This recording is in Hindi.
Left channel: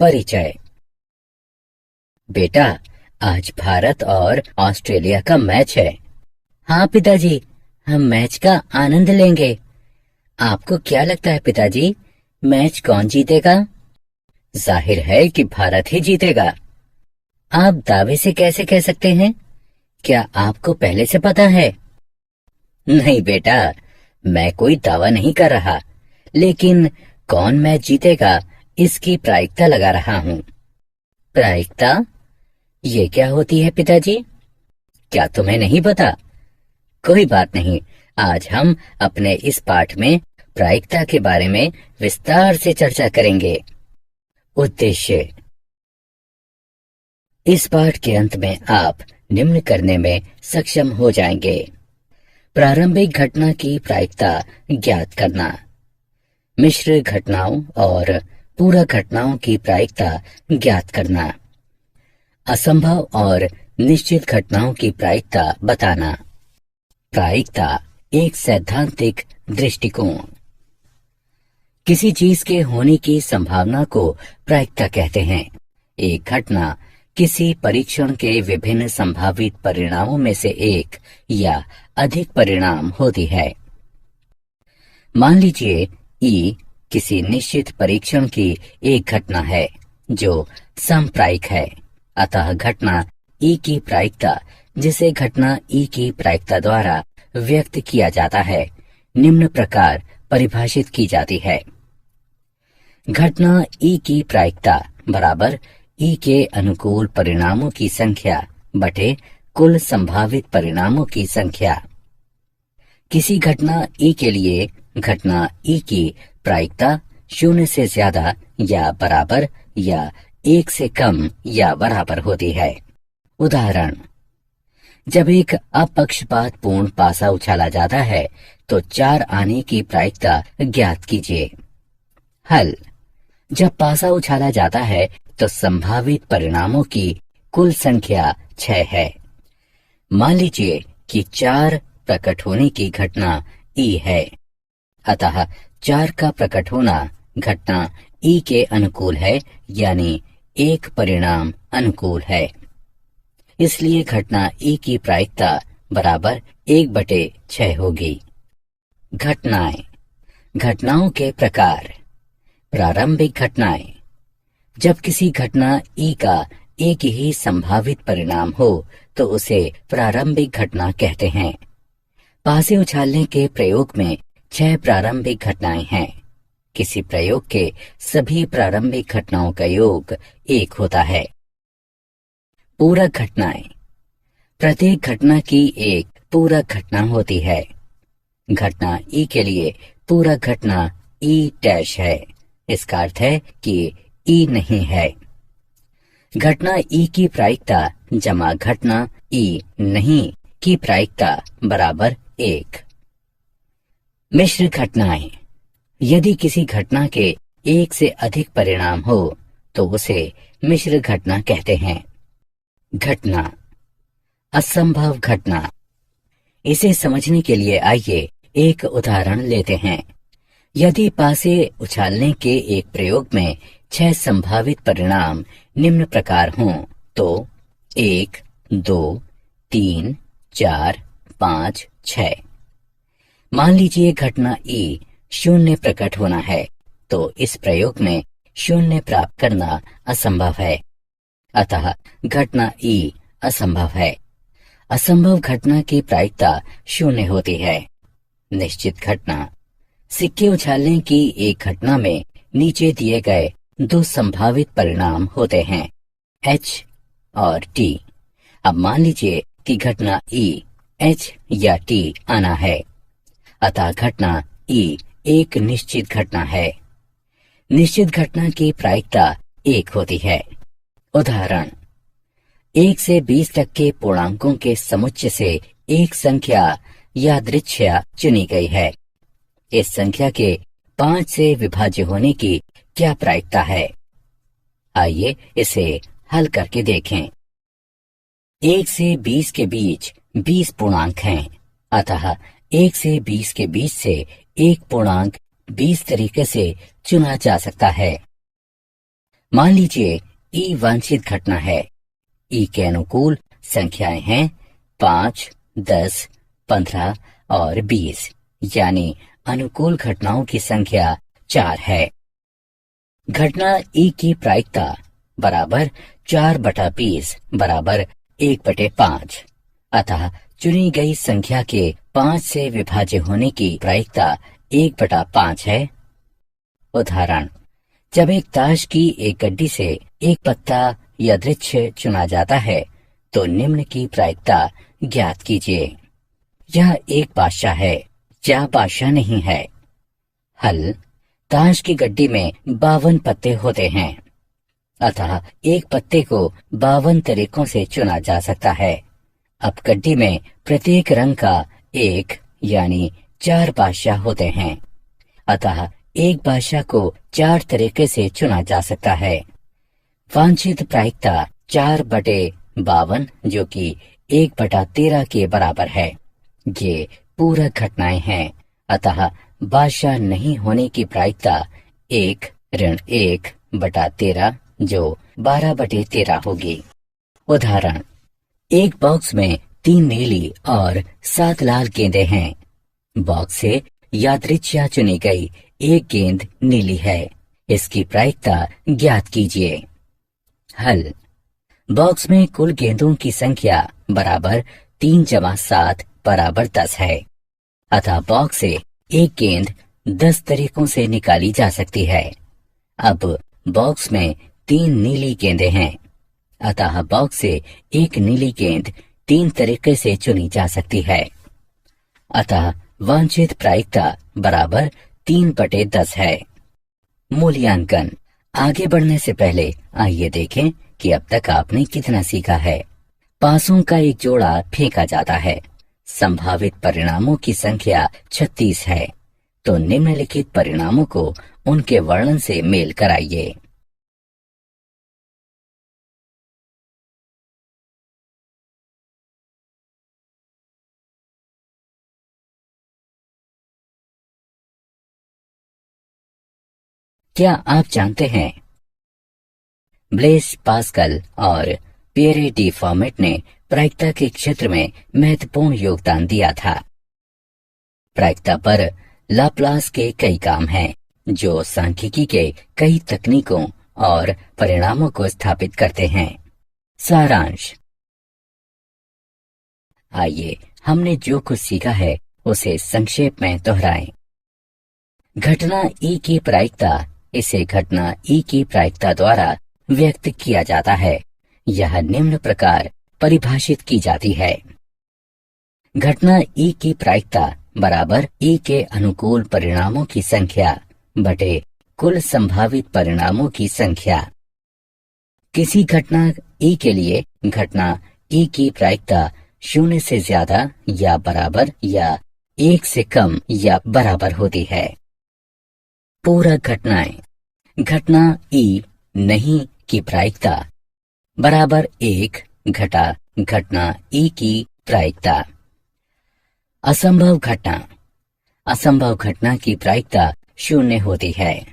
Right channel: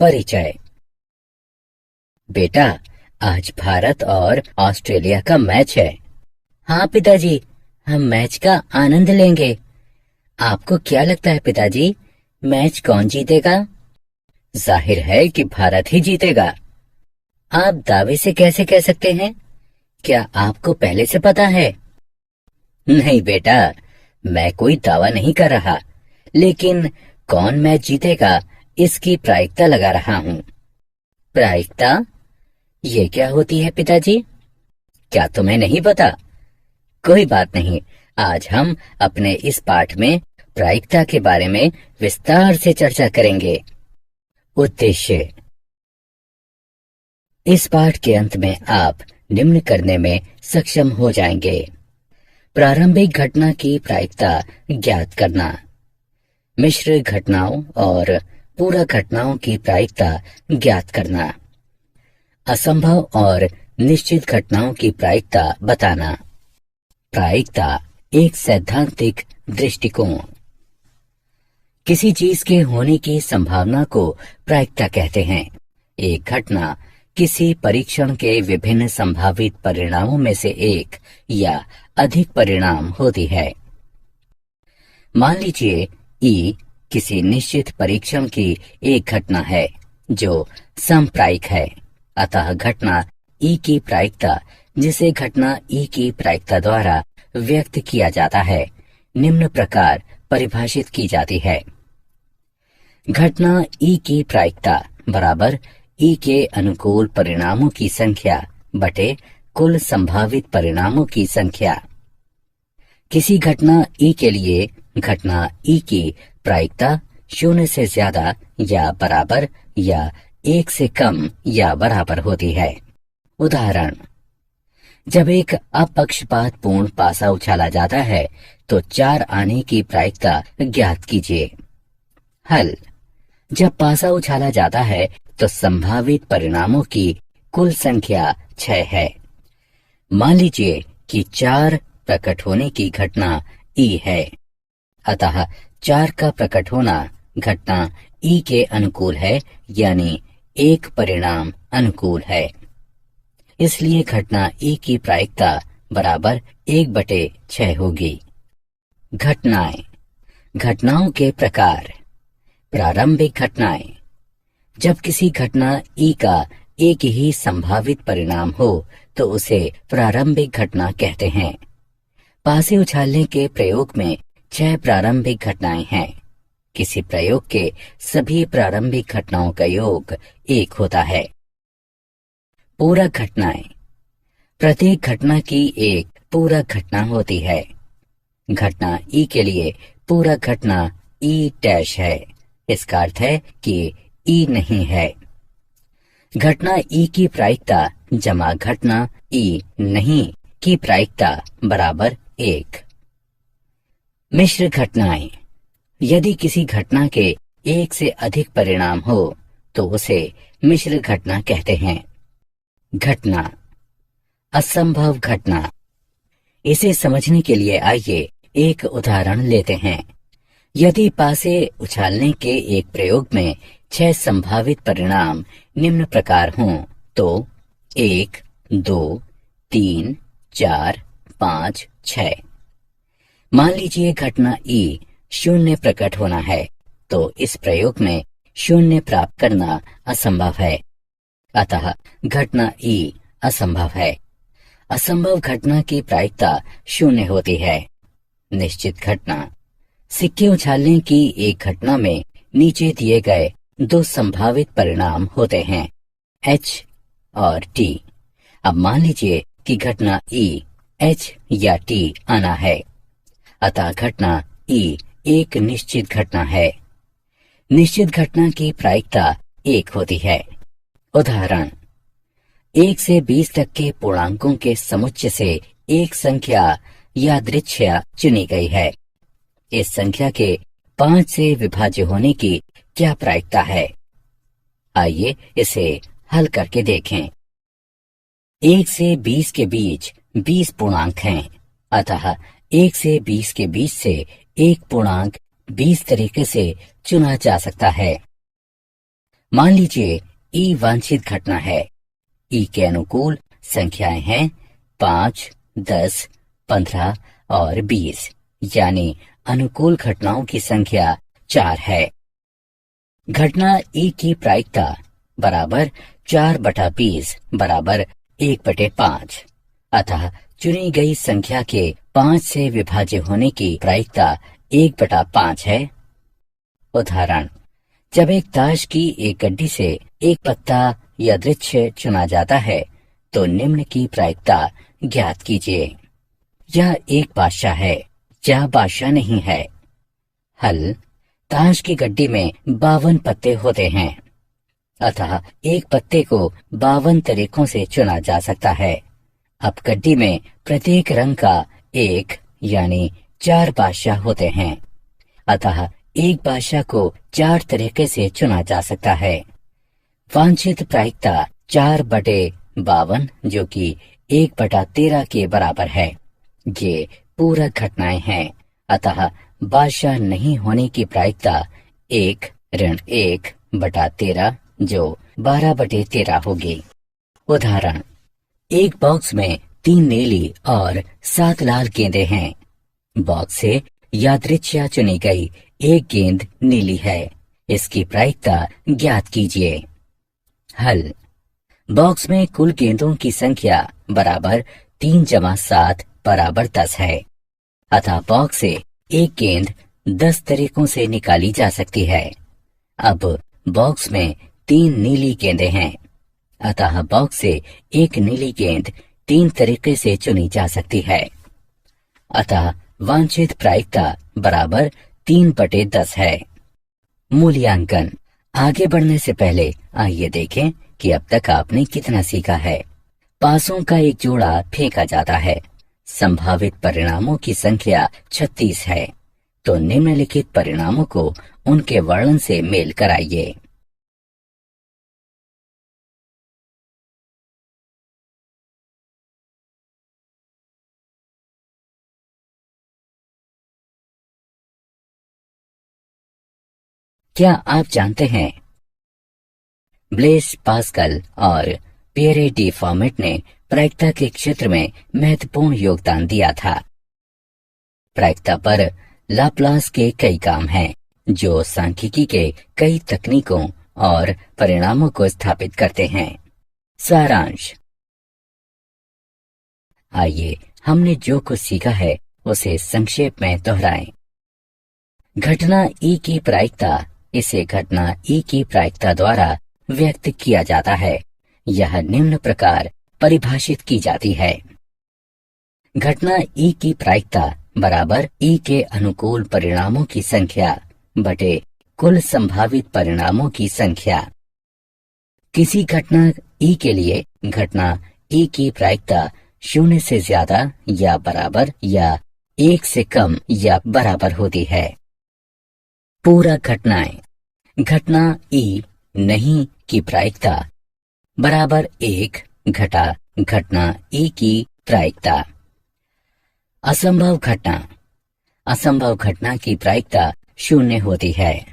परिचय। बेटा, आज भारत और ऑस्ट्रेलिया का मैच है। हाँ पिताजी, हम मैच का आनंद लेंगे। आपको क्या लगता है पिताजी, मैच कौन जीतेगा? जाहिर है कि भारत ही जीतेगा। आप दावे से कैसे कह सकते हैं? क्या आपको पहले से पता है? नहीं बेटा, मैं कोई दावा नहीं कर रहा, लेकिन कौन मैच जीतेगा इसकी प्रायिकता लगा रहा हूँ। प्रायिकता? ये क्या होती है पिताजी? क्या तुम्हें नहीं पता? कोई बात नहीं, आज हम अपने इस पाठ में प्रायिकता के बारे में विस्तार से चर्चा करेंगे। उद्देश्य। इस पाठ के अंत में आप निम्न करने में सक्षम हो जाएंगे। प्रारंभिक घटना की प्रायिकता ज्ञात करना, मिश्र घटनाओं और पूरक घटनाओं की प्रायिकता ज्ञात करना, असंभव और निश्चित घटनाओं की प्रायिकता बताना। प्रायिकता एक सैद्धांतिक दृष्टिकोण। किसी चीज के होने की संभावना को प्रायिकता कहते हैं। एक घटना किसी परीक्षण के विभिन्न संभावित परिणामों में से एक या अधिक परिणाम होती है। मान लीजिए ई किसी निश्चित परीक्षण की एक घटना है जो समप्रायिक है। अतः घटना ई की प्रायिकता, जिसे घटना ई की प्रायिकता द्वारा व्यक्त किया जाता है, निम्न प्रकार परिभाषित की जाती है। घटना ई की प्रायिकता बराबर ई के अनुकूल परिणामों की संख्या बटे कुल संभावित परिणामों की संख्या। किसी घटना ई के लिए घटना ई की प्रायिकता 0 से ज्यादा या बराबर या 1 से कम या बराबर होती है। उदाहरण, जब एक अपक्षपात पूर्ण पासा उछाला जाता है तो 4 आने की प्रायिकता ज्ञात कीजिए। हल, जब पासा उछाला जाता है तो संभावित परिणामों की कुल संख्या 6 है। मान लीजिए कि 4 प्रकट होने की घटना ई है, अतः 4 का प्रकट होना घटना ई के अनुकूल है, यानी एक परिणाम अनुकूल है। इसलिए घटना ई की प्रायिकता बराबर 1/6 होगी। घटनाएं। घटनाओं के प्रकार। प्रारंभिक घटनाएं। जब किसी घटना ई का एक ही संभावित परिणाम हो तो उसे प्रारंभिक घटना कहते हैं। पासे उछालने के प्रयोग में 6 प्रारंभिक घटनाएं हैं। किसी प्रयोग के सभी प्रारंभिक घटनाओं का योग 1 होता है। पूरक घटनाएं। प्रत्येक घटना की एक पूरक घटना होती है। घटना ई के लिए पूरक घटना ई डैश है। इसका अर्थ है कि ई नहीं है। घटना ई की प्रायिकता जमा घटना ई नहीं की प्रायिकता बराबर 1। मिश्र घटनाएं। यदि किसी घटना के एक से अधिक परिणाम हो तो उसे मिश्र घटना कहते हैं। घटना। असंभव घटना। इसे समझने के लिए आइए एक उदाहरण लेते हैं। यदि पासे उछालने के एक प्रयोग में 6 संभावित परिणाम निम्न प्रकार हों तो 1, 2, 3, 4, 5, 6। मान लीजिए घटना ई 0 प्रकट होना है तो इस प्रयोग में 0 प्राप्त करना असंभव है, अतः घटना ई असंभव है। असंभव घटना की प्रायिकता 0 होती है। निश्चित घटना। सिक्के उछालने की एक घटना में नीचे दिए गए 2 संभावित परिणाम होते हैं, H और T। अब मान लीजिए कि घटना E H या T आना है, अतः घटना E एक निश्चित घटना है। निश्चित घटना की प्रायिकता 1 होती है। उदाहरण, 1 से 20 तक के पूर्णांकों के समुच्चय से एक संख्या यादृच्छिक चुनी गई है। इस संख्या के 5 से विभाज्य होने की क्या प्रायिकता है? आइए इसे हल करके देखें। 1 से 20 के बीच 20 पूर्णांक हैं, अतः 1 से 20 के बीच से एक पूर्णांक 20 तरीके से चुना जा सकता है। मान लीजिए ई वांछित घटना है। ई के अनुकूल संख्याएं हैं 5, 10, 15 और 20, यानी अनुकूल घटनाओं की संख्या 4 है। घटना ई की प्रायिकता बराबर 4/20 बराबर 1/5, अतः चुनी गई संख्या के 5 से विभाज्य होने की प्रायिकता 1/5 है। उदाहरण, जब एक ताश की एक गड्डी से एक पत्ता यादृच्छिक चुना जाता है तो निम्न की प्रायिकता ज्ञात कीजिए। यह एक बादशाह है या बादशाह नहीं है। हल, ताश की गड्डी में 52 पत्ते होते हैं, अतः एक पत्ते को 52 तरीकों से चुना जा सकता है। अब गड्डी में प्रत्येक रंग का एक यानी 4 बादशाह होते हैं, अतः एक बादशाह को 4 तरीके से चुना जा सकता है। वांछित प्रायिकता 4/52 जो कि 1/13 के बराबर है। ये पूरक घटनाएं हैं, अतः बादशाह नहीं होने की प्रायिकता 1-1/13 जो 12/13 होगी। उदाहरण, एक बॉक्स में 3 नीली और 7 लाल गेंदें हैं। बॉक्स से यादृच्छिक चुनी गई एक गेंद नीली है। इसकी प्रायिकता ज्ञात कीजिए। हल, बॉक्स में कुल गेंदों की संख्या बराबर 3 + 7 बराबर 10 है, अतः बॉक्स से एक गेंद 10 तरीकों से निकाली जा सकती है। अब बॉक्स में 3 नीली गेंदें हैं, अतः बॉक्स से एक नीली गेंद 3 तरीके से चुनी जा सकती है। अतः वांछित प्रायिकता बराबर 3/10 है। मूल्यांकन। आगे बढ़ने से पहले आइए देखें कि अब तक आपने कितना सीखा है। पासों का एक जोड़ा फेंका जाता है। संभावित परिणामों की संख्या 36 है, तो निम्नलिखित परिणामों को उनके वर्णन से मेल कराइए। क्या आप जानते हैं, ब्लेस पास्कल और पियरे डी फॉर्मेट ने प्रायिकता के क्षेत्र में महत्वपूर्ण योगदान दिया था। प्रायिकता पर लाप्लास के कई काम हैं, जो सांख्यिकी के कई तकनीकों और परिणामों को स्थापित करते हैं। सारांश। आइए हमने जो कुछ सीखा है उसे संक्षेप में दोहराएं। घटना ई की प्रायिकता, इसे घटना ई की प्रायिकता द्वारा व्यक्त किया जाता है। यह निम्न प्रकार परिभाषित की जाती है। घटना ई की प्रायिकता बराबर ई के अनुकूल परिणामों की संख्या बटे कुल संभावित परिणामों की संख्या। किसी घटना ई के लिए घटना ई की प्रायिकता 0 से ज्यादा या बराबर या 1 से कम या बराबर होती है। पूरक घटनाएं। घटना ई नहीं की प्रायिकता बराबर 1 घटा घटना ई की प्रायिकता। असंभव घटना। असंभव घटना की प्रायिकता 0 होती है।